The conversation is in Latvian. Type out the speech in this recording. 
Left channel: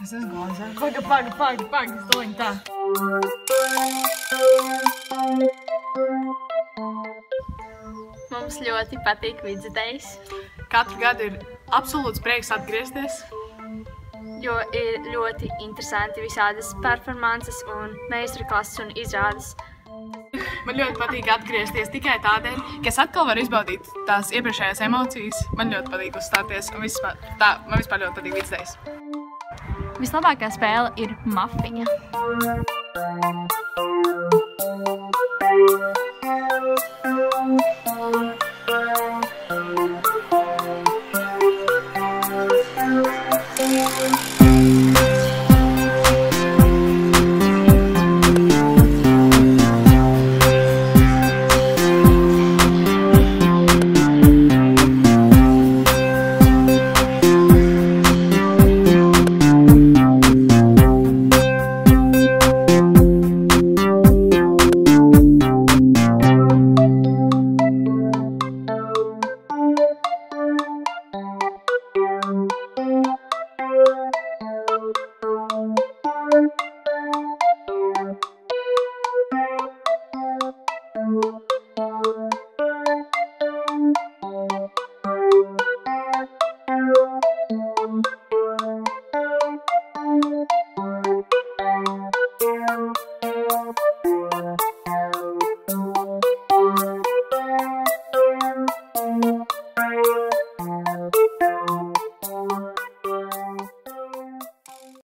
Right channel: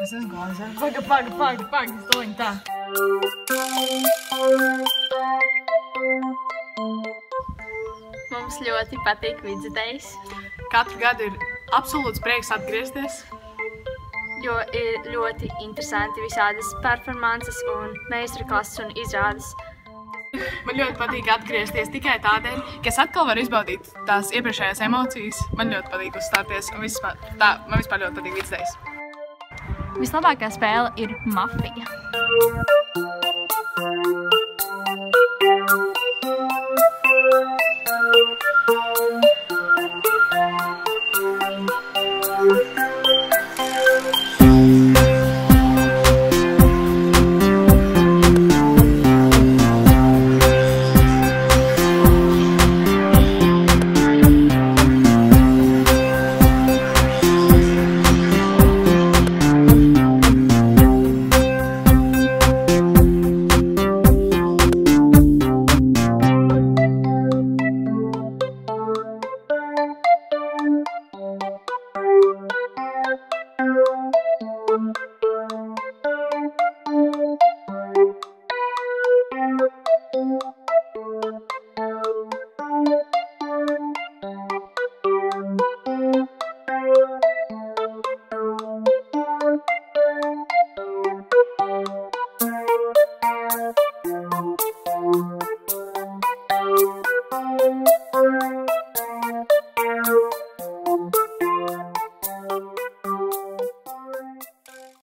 Es esmu gāzē. Paga, stoņi tā. Mums ļoti patīk Vidzidejs, Katru gadu ir absolūts prieks atgriezties. jo ir ļoti interesanti visādas performances un meistarklases un izrādes. Man ļoti patīk atgriezties tikai tādēļ, ka es atkal varu izbaudīt tās iepriekšējās emocijas. Man ļoti patīk uzstāties un man vispār ļoti patīk Vidzidejs. Vislabākā spēle ir Mafija.